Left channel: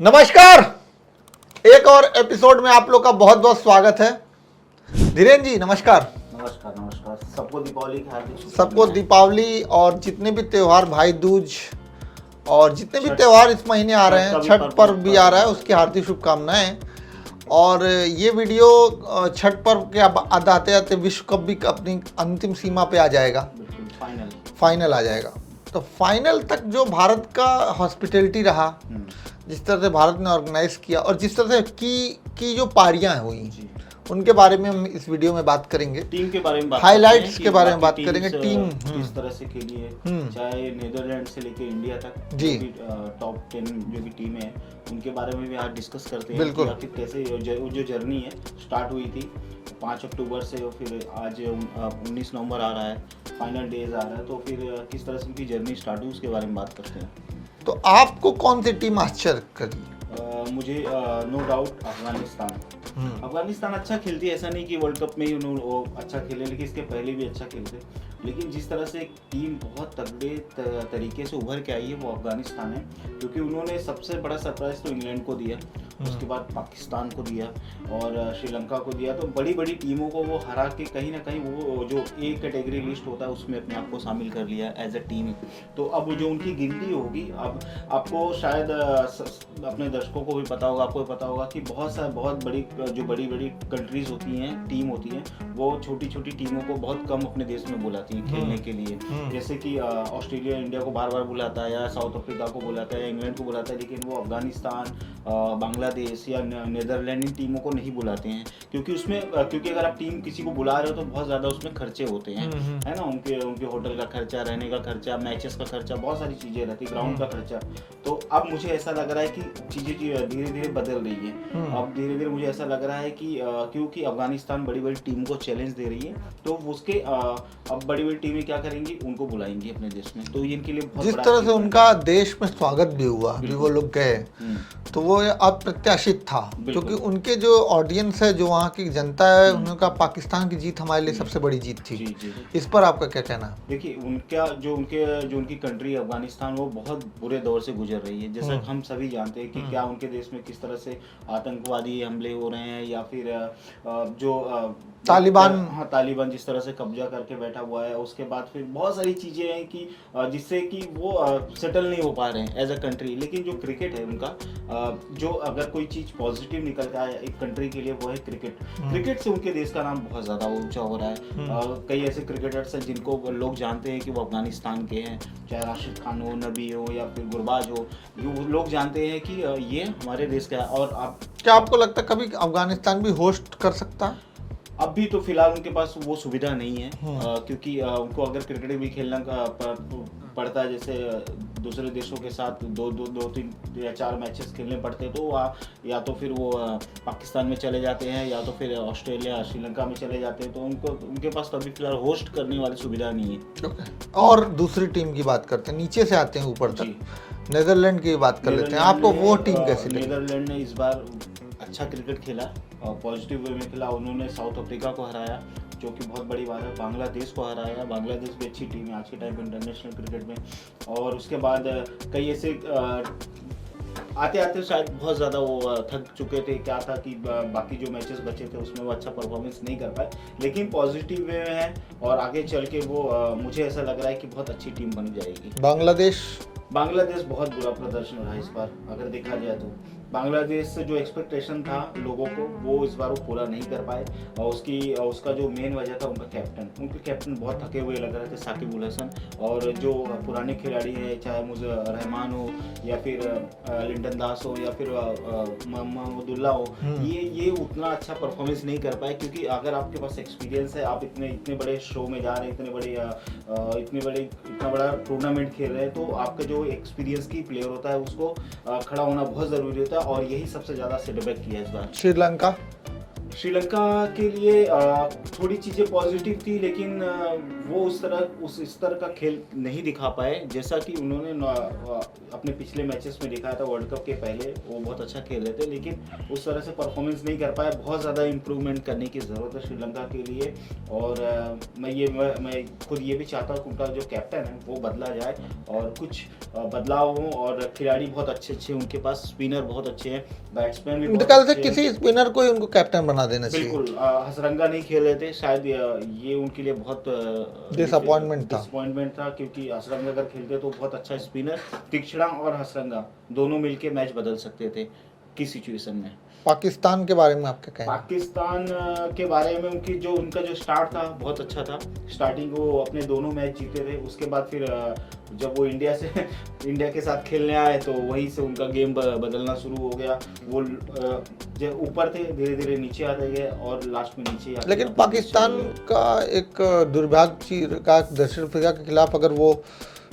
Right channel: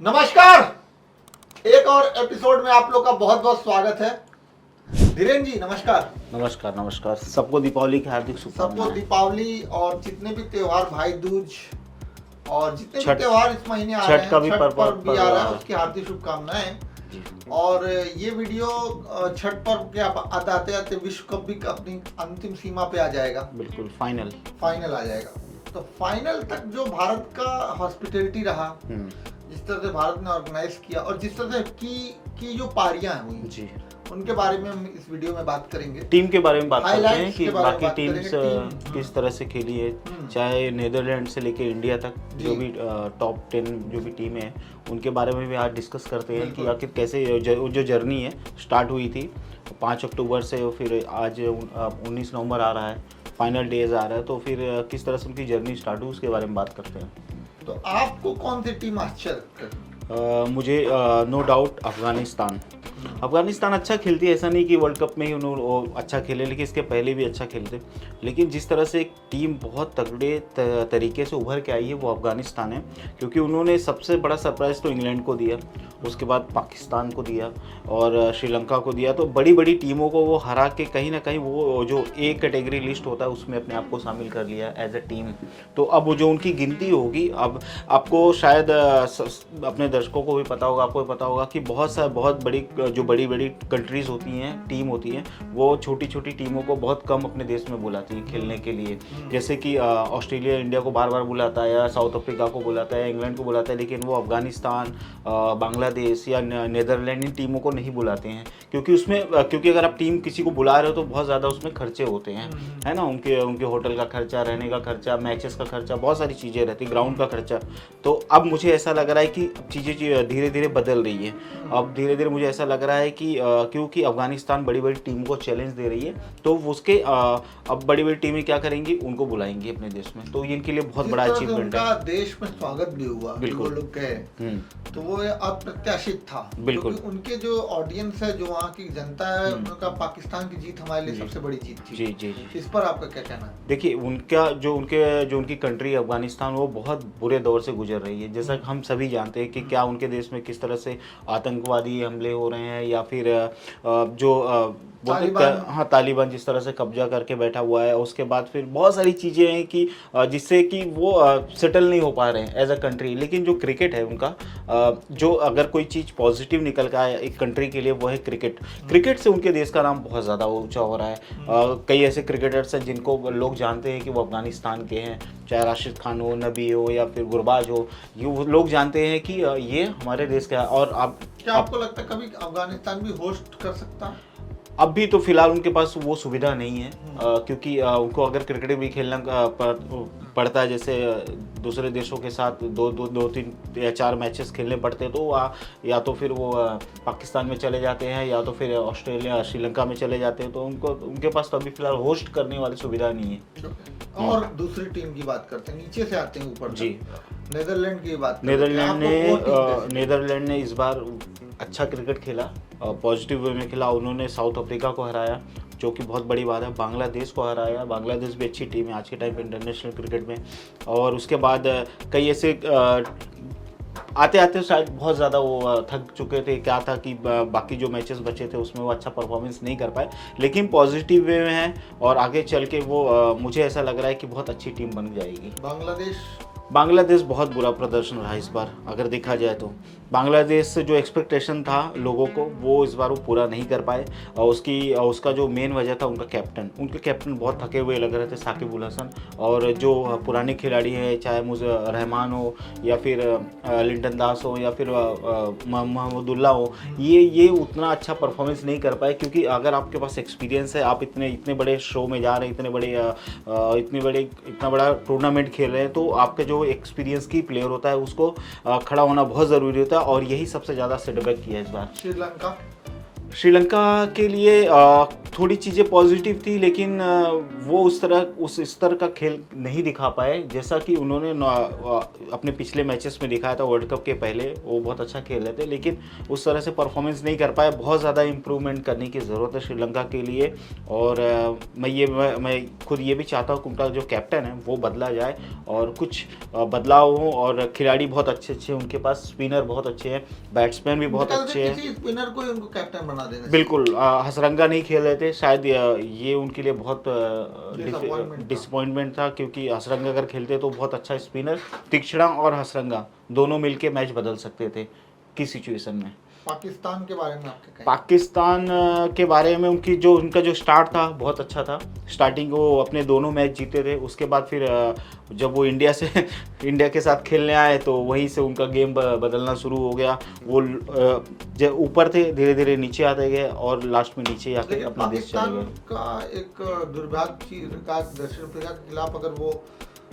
नमस्कार। एक और एपिसोड में आप लोग का बहुत बहुत स्वागत है। धीरेन्द्र जी नमस्कार। नमस्कार नमस्कार। सबको दीपावली की हार्दिक शुभकामनाएं। सबको दीपावली और जितने भी त्योहार, भाई दूज और जितने भी छठ- त्योहार इस महीने आ रहे हैं, छठ का भी छठ पर्व पर्व भी आ रहा है, आ उसकी हार्दिक शुभकामनाएं। और ये वीडियो छठ पर्व के आते आते विश्व कप भी अपनी अंतिम सीमा पे आ जाएगा, बिल्कुल फाइनल। फाइनल आ जाएगा। तो फाइनल तक जो भारत का हॉस्पिटैलिटी रहा, जिस तरह से भारत ने ऑर्गेनाइज किया और जिस तरह से की जो पारियां हुई जी, उनके बारे में हम इस वीडियो में बात करेंगे। टीम के बारे में बात हाइलाइट्स करते हैं कि के बारे में बाकी बात करेंगे। टीम्स, टीम किस तरह से खेली है, चाहे नीदरलैंड से लेके इंडिया तक जी। जो भी टॉप 10 जो भी टीम है उनके बारे में भी आज डिस्कस करते हैं बिल्कुल। कि आखिर कैसे जो जर्नी है स्टार्ट हुई थी 5 अक्टूबर से, और फिर आज 19 नवंबर आ रहा है, फाइनल डेज आ रहा है, तो फिर किस तरह से उनकी जर्नी स्टार्ट हुई उसके बारे में बात करते हैं। तो आपको कौन सी टीम आश्चर्य करी? मुझे नो डाउट अफगानिस्तान अफगानिस्तान अच्छा खेलती है। ऐसा नहीं कि वर्ल्ड कप में ही उन्होंने अच्छा खेले, लेकिन इसके पहले भी अच्छा खेलते। लेकिन जिस तरह से एक टीम बहुत तगड़े तरीके से उभर के आई है वो अफगानिस्तान है, क्योंकि उन्होंने सबसे बड़ा सरप्राइज तो इंग्लैंड को दिया, उसके बाद पाकिस्तान को दिया और श्रीलंका को दिया। तो बड़ी बड़ी टीमों को वो हरा के कहीं ना कहीं वो जो ए कैटेगरी लिस्ट होता है उसमें अपने आप को शामिल कर लिया एज ए टीम। तो अब वो जो उनकी गिनती होगी, अब आपको शायद अपने दर्शकों को भी पता होगा, आपको भी पता होगा कि बहुत बड़ी जो बड़ी बड़ी कंट्रीज होती हैं, टीम होती हैं, वो छोटी छोटी टीमों को बहुत कम अपने देश में बुलाती हैं खेलने के लिए। जैसे कि ऑस्ट्रेलिया इंडिया को बार बार बुलाता है, या साउथ अफ्रीका को बुलाता है, इंग्लैंड को बुलाता है, लेकिन वो अफगानिस्तान, बांग्लादेश या नीदरलैंड इन टीमों को नहीं बुलाते हैं, क्योंकि उसमें क्योंकि अगर आप टीम किसी को बुला रहे हो तो बहुत ज़्यादा उसमें खर्चे होते हैं, है ना। उनके होटल का खर्चा, रहने का खर्चा, मैचेस का खर्चा, बहुत सारी चीज़ें रहती हैं, ग्राउंड का खर्चा। तो अब मुझे ऐसा लग रहा है कि चीज़ें धीरे धीरे बदल रही है। अब धीरे धीरे मुझे ऐसा लग रहा है कि क्योंकि अफगानिस्तान बड़ी बड़ी टीम को चैलेंज दे रही है, तो उसके अब बड़ी बड़ी टीमें क्या करेंगी, उनको बुलाएंगी अपने देश में। तो इनके लिए बहुत जिस बड़ा तरह से achievement उनका है। देश में स्वागत भी हुआ, वो लोग गए, तो वो अप्रत्याशित था, बिल्कुल। क्योंकि उनके जो ऑडियंस है, जो वहाँ की जनता है, उनका पाकिस्तान की जीत हमारे लिए सबसे बड़ी जीत थी। जी जी। इस पर आपका क्या कहना है? देखिए, उनकी कंट्री अफगानिस्तान वो बहुत बुरे दौर से गुजर रही है। जैसा हम सभी जानते हैं कि क्या उनके देश में किस तरह से आतंकवादी हमले हो रहे हैं, या फिर तालिबान जिस तरह से कब्जा करके बैठा हुआ है। उसके बाद फिर बहुत सारी चीज़ें हैं कि जिससे कि वो सेटल नहीं हो पा रहे हैं एज अ कंट्री। लेकिन जो क्रिकेट है उनका, जो अगर कोई चीज़ पॉजिटिव निकल कर आए एक कंट्री के लिए, वो है क्रिकेट। क्रिकेट से उनके देश का नाम बहुत ज़्यादा ऊंचा हो रहा है। कई ऐसे क्रिकेटर्स हैं जिनको लोग जानते हैं कि वो अफगानिस्तान के हैं, चाहे राशिद खान हो, नबी हो, या फिर गुरबाज हो, ये वो लोग जानते हैं कि ये हमारे देश का है। और अब क्या आपको लगता है कभी अफगानिस्तान भी होस्ट कर सकता है? अब भी तो फिलहाल उनके पास वो सुविधा नहीं है, क्योंकि उनको अगर क्रिकेट भी खेलना पड़ता है, जैसे दूसरे देशों के साथ दो तीन या 4 मैचेस खेलने पड़ते हैं, तो या तो फिर वो पाकिस्तान में चले जाते हैं, या तो फिर ऑस्ट्रेलिया, श्रीलंका में चले जाते हैं। तो उनके पास तो अभी फिलहाल होस्ट करने वाली सुविधा नहीं है। और दूसरी टीम की बात करते हैं, नीचे से आते हैं ऊपर तक, नीदरलैंड की बात करते हैं। आपको वो टीम कैसी लगी? नीदरलैंड ने इस बार अच्छा क्रिकेट खेला, पॉजिटिव वे में खेला। उन्होंने साउथ अफ्रीका को हराया, जो कि बहुत बड़ी बात है। बांग्लादेश को हराया, बांग्लादेश भी अच्छी टीम है आज के टाइम पे इंटरनेशनल क्रिकेट में। और उसके बाद कई ऐसे आते आते शायद बहुत ज़्यादा वो थक चुके थे, क्या था कि बाकी जो मैचेस बचे थे उसमें वो अच्छा परफॉर्मेंस नहीं कर पाए, लेकिन पॉजिटिव वे में है और आगे चल के वो मुझे ऐसा लग रहा है कि बहुत अच्छी टीम बन जाएगी। बांग्लादेश बहुत बुरा प्रदर्शन रहा इस बार, अगर देखा जाए तो। बांग्लादेश से जो एक्सपेक्टेशन था लोगों को, वो इस बार वो पूरा नहीं कर पाए। और उसका जो मेन वजह था उनके कैप्टन बहुत थके हुए लग रहे थे, साकिब उल हसन। और जो पुराने खिलाड़ी हैं, चाहे मुझे रहमान हो, या फिर लिटन दास हो, या फिर महमूदुल्लाह हो, ये उतना अच्छा परफॉर्मेंस नहीं कर पाए। क्योंकि अगर आपके पास एक्सपीरियंस है, आप इतने बड़े शो में जा रहे हैं, इतना बड़ा टूर्नामेंट खेल रहे हैं, तो आपका जो एक्सपीरियंस की प्लेयर होता है उसको खड़ा होना बहुत ज़रूरी होता है। और यही सबसे ज़्यादा सेटबैक किया है इस बार। श्रीलंका के लिए थोड़ी चीज़ें पॉजिटिव थी, लेकिन वो उस स्तर का खेल नहीं दिखा पाए जैसा कि उन्होंने अपने पिछले मैचेस में दिखाया था। वर्ल्ड कप के पहले वो बहुत अच्छा खेल रहे थे, लेकिन उस तरह से परफॉर्मेंस नहीं कर पाए। बहुत ज़्यादा इम्प्रूवमेंट करने की ज़रूरत है श्रीलंका के लिए, और मैं खुद ये भी चाहता हूँ कि उनका जो कैप्टन है वो बदला जाए और कुछ बदलाव हो, और खिलाड़ी बहुत अच्छे उनके पास, स्पिनर बहुत अच्छे हैं, बैट्समैन भी बहुत अच्छे हैं। किसी स्पिनर को उनको कैप्टन बना देना चाहिए। बिल्कुल, हसरंगा नहीं खेल रहे थे, शायद ये उनके लिए बहुत डिसअपॉइंटमेंट था, क्योंकि हसरंगा अगर खेलते तो बहुत अच्छा स्पिनर, तीक्ष्णा और हसरंगा दोनों मिलके मैच बदल सकते थे किस सिचुएशन में। पाकिस्तान के बारे में आपके कहें? पाकिस्तान के बारे में उनका जो स्टार्ट था बहुत अच्छा था। स्टार्टिंग वो अपने दोनों मैच जीते थे, उसके बाद फिर जब वो इंडिया के साथ खेलने आए तो वहीं से उनका गेम बदलना शुरू हो गया। वो जब ऊपर थे धीरे धीरे नीचे आते गए और लास्ट में नीचे आते। लेकिन पाकिस्तान का एक दुर्भाग्य का दक्षिण अफ्रीका के खिलाफ अगर वो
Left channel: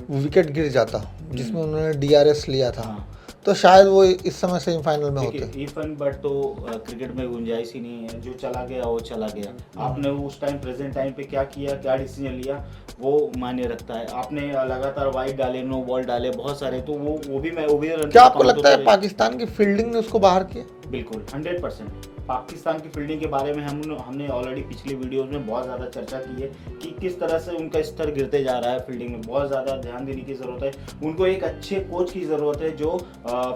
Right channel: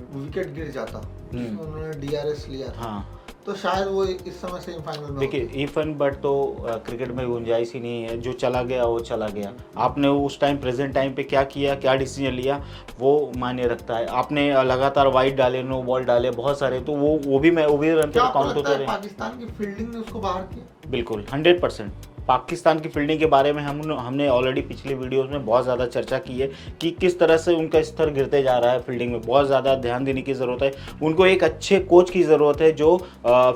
विकेट गिर जाता जिसमें उन्होंने DRS लिया था, तो शायद वो इस समय सेमीफाइनल में होते। इफन बट तो क्रिकेट में गुंजाइश ही नहीं है, जो चला गया वो चला गया। आपने उस टाइम प्रेजेंट टाइम पे क्या किया, क्या डिसीजन लिया, वो मायने रखता है। आपने लगातार वाइड डाले, नो बॉल डाले बहुत सारे, तो वो भी क्या आपको लगता है पाकिस्तान की फील्डिंग ने उसको बाहर किया? बिल्कुल 100%। पाकिस्तान की फील्डिंग के बारे में हमने ऑलरेडी पिछले वीडियोस में बहुत ज़्यादा चर्चा की है कि किस तरह से उनका स्तर गिरते जा रहा है। फील्डिंग में बहुत ज़्यादा ध्यान देने की ज़रूरत है। उनको एक अच्छे कोच की ज़रूरत है जो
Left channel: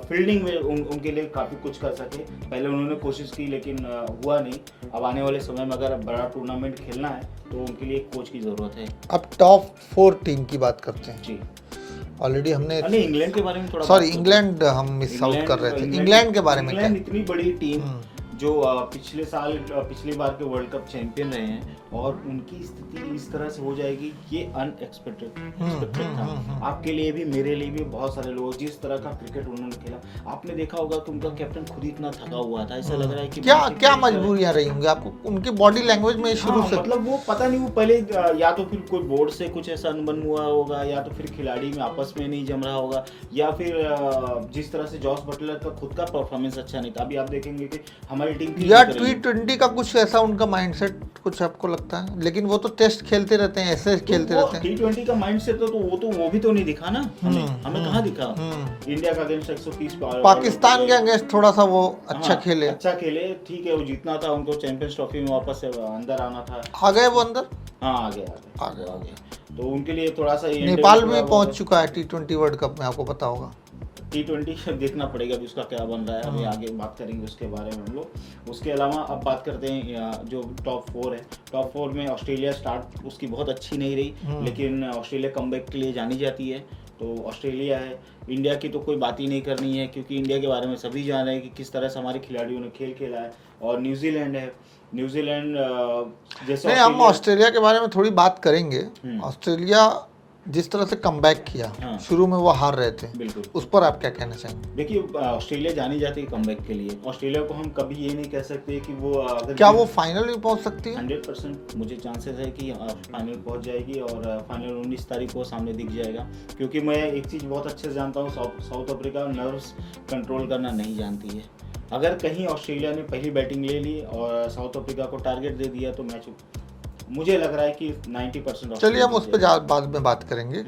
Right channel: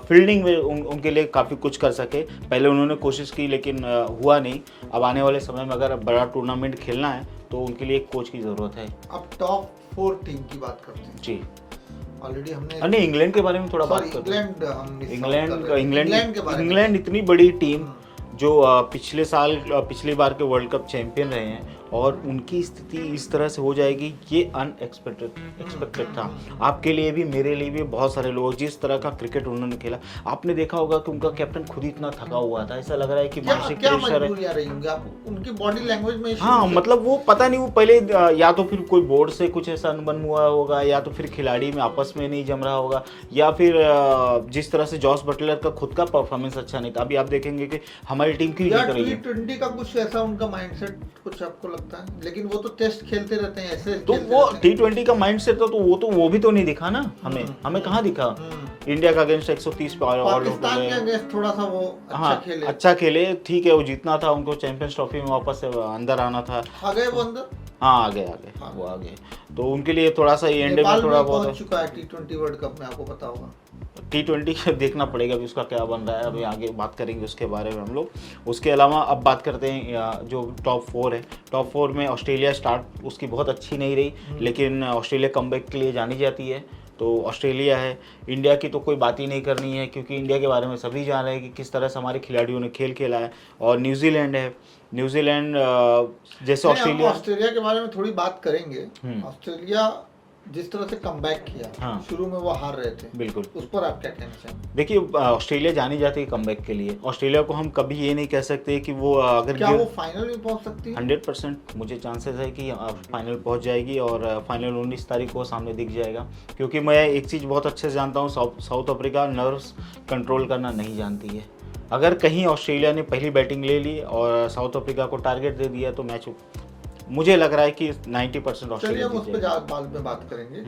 फील्डिंग में उनके लिए काफ़ी कुछ कर सके। पहले उन्होंने कोशिश की लेकिन हुआ नहीं। अब आने वाले समय में अगर बड़ा टूर्नामेंट खेलना है तो उनके लिए एक कोच की ज़रूरत है। अब टॉप 4 टीम की बात करते हैं। जी, ऑलरेडी हमने इंग्लैंड के बारे में थोड़ा, सॉरी इंग्लैंड हम मिस आउट कर रहे थे। इंग्लैंड के बारे में, इंग्लैंड इतनी बड़ी टीम जो पिछली बार के वर्ल्ड कप चैंपियन रहे हैं, और उनकी स्थिति इस तरह से हो जाएगी, ये अनएक्सपेक्टेड था। आपके लिए भी, मेरे लिए भी, बहुत सारे लोग, जिस तरह का क्रिकेट उन्होंने खेला। आपने देखा होगा कि उनका कैप्टन खुद ही इतना थका हुआ था, ऐसा लग रहा है कि क्या मजबूरियां रही होंगी आपको उनकी बॉडी लैंग्वेज में? हाँ, मतलब वो पता नहीं, वो पहले या तो फिर कोई बोर्ड से कुछ ऐसा अनबन हुआ होगा, या तो फिर खिलाड़ी में आपस में नहीं जम रहा होगा, या फिर जिस तरह से जॉस बटलर का खुद का परफॉर्मेंस अच्छा नहीं था। अभी आप देखेंगे कि हमारी टीम की T20 का कुछ ऐसा उनका माइंडसेट कुछ आपको लगता है? लेकिन वो तो टेस्ट खेलते रहते हैं, ऐसे तो खेलते रहते हैं। T20 का माइंडसेट तो वो भी तो नहीं दिखा ना हमें कहाँ दिखा? इंडिया का अगेंस्ट 130 पाकिस्तान के अगेंस्ट थोड़ा सा वो अच्छा खेले, ठीक है, वो जीतना था, उनको चैंपियंस ट्रॉफी में वापस अंदर आना था। आ गए वो अंदर? हाँ, आ गए। तो उनके लिए थोड़ा सा नेपाल में पहुंच चुका है T20 वर्ल्ड कप में, आपको पता होगा। T20 देखना पड़ेगा अभी उसका क्या बन रहा है, अभी आगे बात करेंगे उसके बारे में हम लोग। उसके अलावा अब बात करते हैं जो टॉप 4 है। टॉप 4 में ऑस्ट्रेलिया स्टार्ट उसकी बहुत अच्छी नहीं रही, लेकिन ऑस्ट्रेलिया कमबैक के लिए जानी जाती है, तो ऑस्ट्रेलिया है। इंडिया की तो कोई बात ही नहीं करनी है, क्योंकि इंडिया के बारे में सभी जान रहे हैं कि किस तरह से हमारे खिलाड़ियों ने खेल खेला है। और न्यूजीलैंड है। न्यूजीलैंड जैसे हम ऑस्ट्रेलिया के बारे में थोड़ी बात करेंगे। ऑस्ट्रेलिया जिस तरह से कमबैक किया, शुरू में वो हार रहे थे, बिल्कुल, उस पर आप क्या कहना चाहेंगे? देखिए, ऑस्ट्रेलिया जानी जाती है कमबैक के लिए। ऑस्ट्रेलिया को हम कभी ये नहीं कह सकते कि वो क्या वो फाइनल में पहुंच सकती है? 100% मुझे चांसेस है कि फाइनल पहुंच जाएगी, और फाइनल 19 तारीख को सामने दिख जाएगा। क्योंकि मैं एक चीज़ बहुत अच्छे से जानता हूँ, साउथ अफ्रीका नर्व्स कंट्रोल करना नहीं जानती है। अगर कहीं ऑस्ट्रेलिया ने पहली बैटिंग ले ली और साउथ अफ्रीका को टारगेट दे दिया तो मैच, मुझे लग रहा है कि 90%। चलिए हम उस पर बाद में बात करेंगे।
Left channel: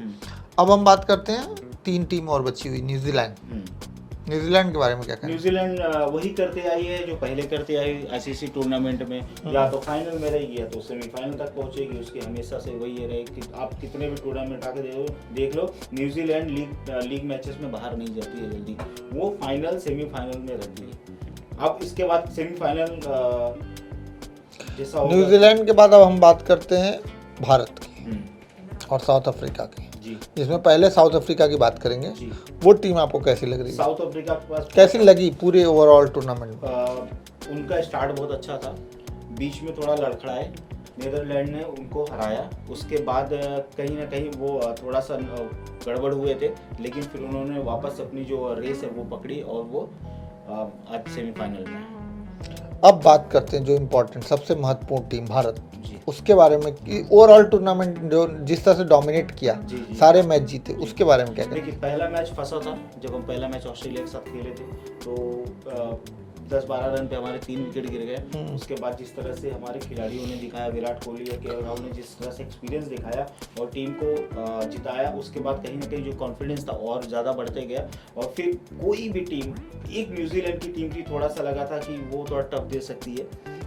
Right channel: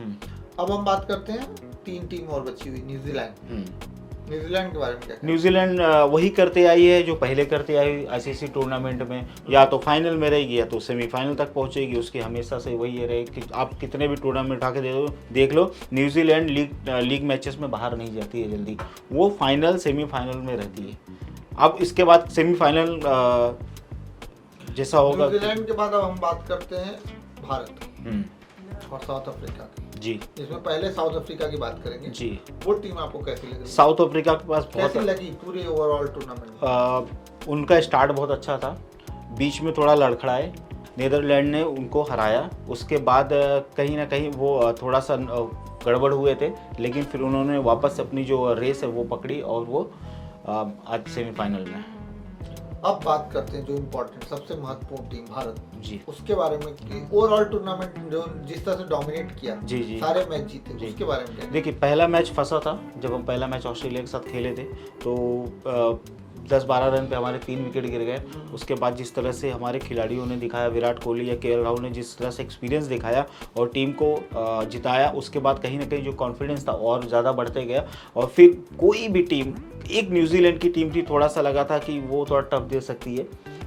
अब हम बात करते हैं 3 टीम और बची हुई, न्यूजीलैंड के बारे में क्या कहें? न्यूजीलैंड वही करते आई है जो पहले करते आई आईसीसी टूर्नामेंट में, या तो फाइनल में रहेगी या तो सेमीफाइनल तक पहुंचेगी। उसकी हमेशा से वही रहे कि आप कितने भी टूर्नामेंट आके देख लो, न्यूजीलैंड लीग मैचेस में बाहर नहीं जाती है जल्दी, वो फाइनल सेमीफाइनल में रहती है। अब इसके बाद सेमीफाइनल जैसा होगा। न्यूजीलैंड के बाद अब हम बात करते हैं भारत की और साउथ अफ्रीका की। जी, इसमें पहले साउथ अफ्रीका की बात करेंगे। जी, वो टीम आपको कैसी लग रही है? साउथ अफ्रीका के पास कैसी लगी पूरे ओवरऑल टूर्नामेंट? उनका स्टार्ट बहुत अच्छा था, बीच में थोड़ा लड़खड़ाए, नीदरलैंड ने उनको हराया। उसके बाद कहीं ना कहीं वो थोड़ा सा गड़बड़ हुए थे, लेकिन फिर उन्होंने वापस अपनी जो रेस है वो पकड़ी और वो आज सेमीफाइनल में। अब बात करते हैं जो इम्पोर्टेंट सबसे महत्वपूर्ण टीम भारत, जी, उसके बारे में कि ओवरऑल टूर्नामेंट जो जिस तरह से डोमिनेट किया, जी, सारे मैच जीते, उसके बारे में क्या? देखिए, पहला मैच फंसा था जब हम पहला मैच ऑस्ट्रेलिया के साथ खेले थे, तो 10-12 रन पे हमारे 3 विकेट गिर गए। उसके बाद जिस तरह से हमारे खिलाड़ियों ने दिखाया, विराट कोहली या केएल राहुल ने जिस तरह से एक्सपीरियंस दिखाया और टीम को जिताया, उसके बाद कहीं ना कहीं जो कॉन्फिडेंस था और ज़्यादा बढ़ते गया। और फिर कोई भी टीम, एक न्यूजीलैंड की टीम थी, थोड़ा सा लगा था कि वो थोड़ा टफ दे सकती है,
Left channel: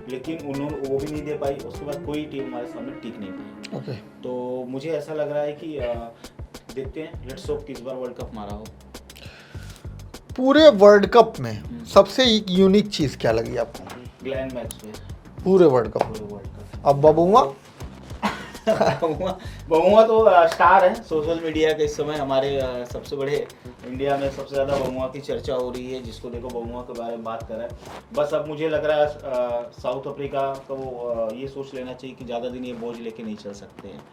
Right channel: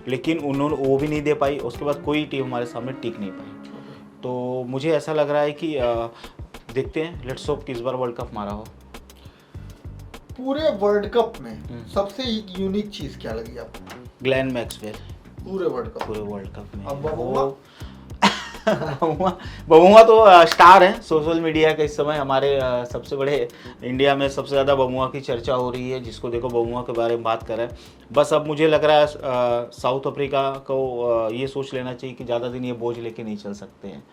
लेकिन उन्होंने वो भी नहीं दे पाई। उसके बाद कोई टीम हमारे सामने टिक नहीं पाई। तो मुझे ऐसा लग रहा है कि देखते हैं, लेट्स होप कि इस बार वर्ल्ड कप हमारा हो। पूरे वर्ल्ड कप में सबसे एक यूनिक चीज क्या लगी आपको? Glenn Maxwell. पूरे वर्ल्ड कप में। अब बबुआ बबुआ तो स्टार है सोशल मीडिया का इस समय। हमारे सबसे बड़े इंडिया में सबसे ज़्यादा बबुआ की चर्चा हो रही है, जिसको देखो बबुआ के बारे में बात कर रहे हैं। बस अब मुझे लग रहा है साउथ अफ्रीका को ये सोच लेना चाहिए कि ज़्यादा दिन ये बोझ लेके नहीं चल सकते हैं,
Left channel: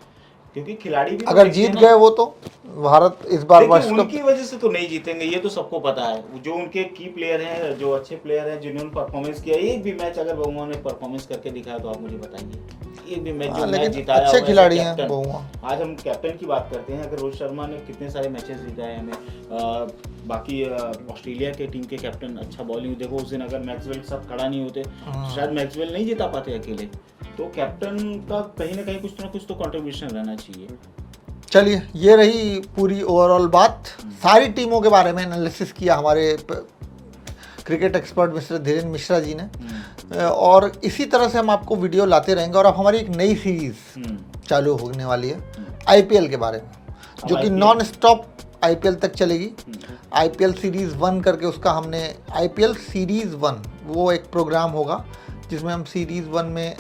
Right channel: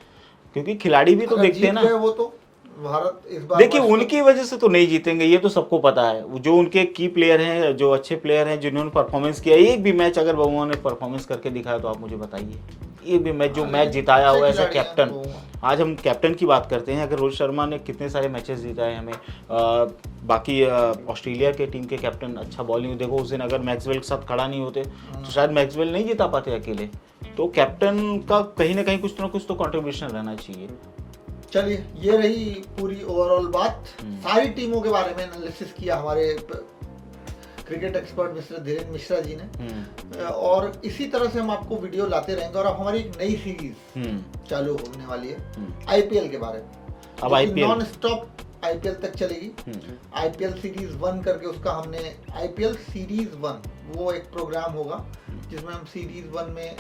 क्योंकि खिलाड़ी भी अगर जीत गए वो तो भारत इस बार देखिए उनकी वजह से तो नहीं जीतेंगे, ये तो सबको पता है। जो उनके की प्लेयर हैं, जो अच्छे प्लेयर हैं, जिन्होंने परफॉर्मेंस किया, एक भी मैच अगर बबुआ ने परफॉर्मेंस करके दिखाया तो आप मुझे बताइए, एक भी मैच जो मैच जिताया हुआ है कैप्टन। आज हम कैप्टन की बात करते हैं, अगर रोहित शर्मा ने कितने सारे मैचेस जिताए हमें, बाकी ऑस्ट्रेलिया के टीम के कैप्टन अच्छा बॉलिंग, देखो उस दिन अगर मैक्सवेल के साथ खड़ा नहीं होते तो शायद मैक्सवेल नहीं जिता पाते अकेले। तो कैप्टन का कहीं ना कहीं कुछ ना कुछ तो कंट्रीब्यूशन रहना चाहिए। चलिए, ये रही पूरी ओवरऑल बात। सारी टीमों के बारे में एनालिसिस किया हमारे cricket expert mister Dhirendra Mishra ji ने, और इसी तरह से हम आपको वीडियो लाते रहेंगे। और अब हमारी एक नई सीरीज चालू होने वाली है आईपीएल के बारे में, जो कि नॉन स्टॉप आईपीएल तक चलेगी। आईपीएल सीरीज 1 करके उसका हमने आईपीएल सीरीज 1 वो एक प्रोग्राम होगा जिसमें हम सीरीज 1 में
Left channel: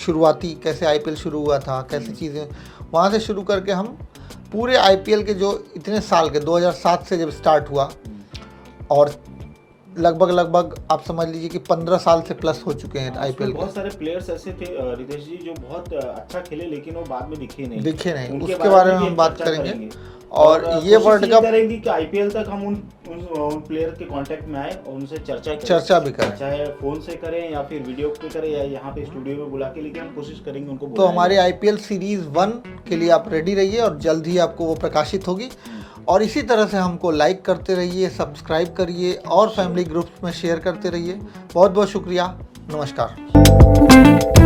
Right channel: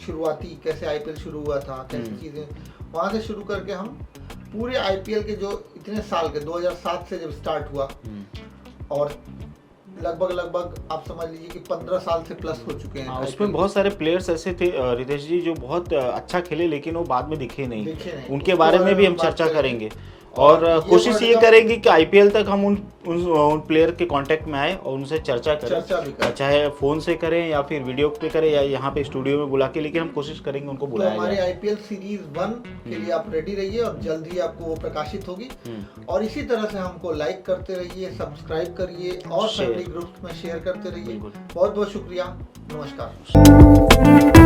शुरुआती कैसे आईपीएल शुरू हुआ था, कैसी चीज़ें, वहाँ से शुरू करके हम पूरे आईपीएल के जो इतने साल के 2007 से जब स्टार्ट हुआ और लगभग आप समझ लीजिए कि 15 साल से प्लस हो चुके हैं आईपीएल। बहुत सारे प्लेयर्स ऐसे थे रितेश जी जो बहुत अच्छा खेले, लेकिन वो बाद में दिखे नहीं। उनके बारे बारे में भी हम चर्चा करेंगे और ये कोशिश ये करेंगे कि आईपीएल तक हम उन प्लेयर के कांटेक्ट में आए और उनसे चर्चा भी करें, चाहे फोन से करें या फिर वीडियो पे करें या यहाँ पे स्टूडियो में बुला के, लेके हम कोशिश करेंगे उनको तो हमारे आईपीएल सीरीज 1 के लिए आप रेडी रहिए और जल्द ही आपको वो प्रकाशित होगी। और इसी तरह से हमको लाइक करते रहिए, सब्सक्राइब करिए और फैमिली ग्रुप्स में शेयर करते रहिए। बहुत बहुत शुक्रिया, नमस्कार।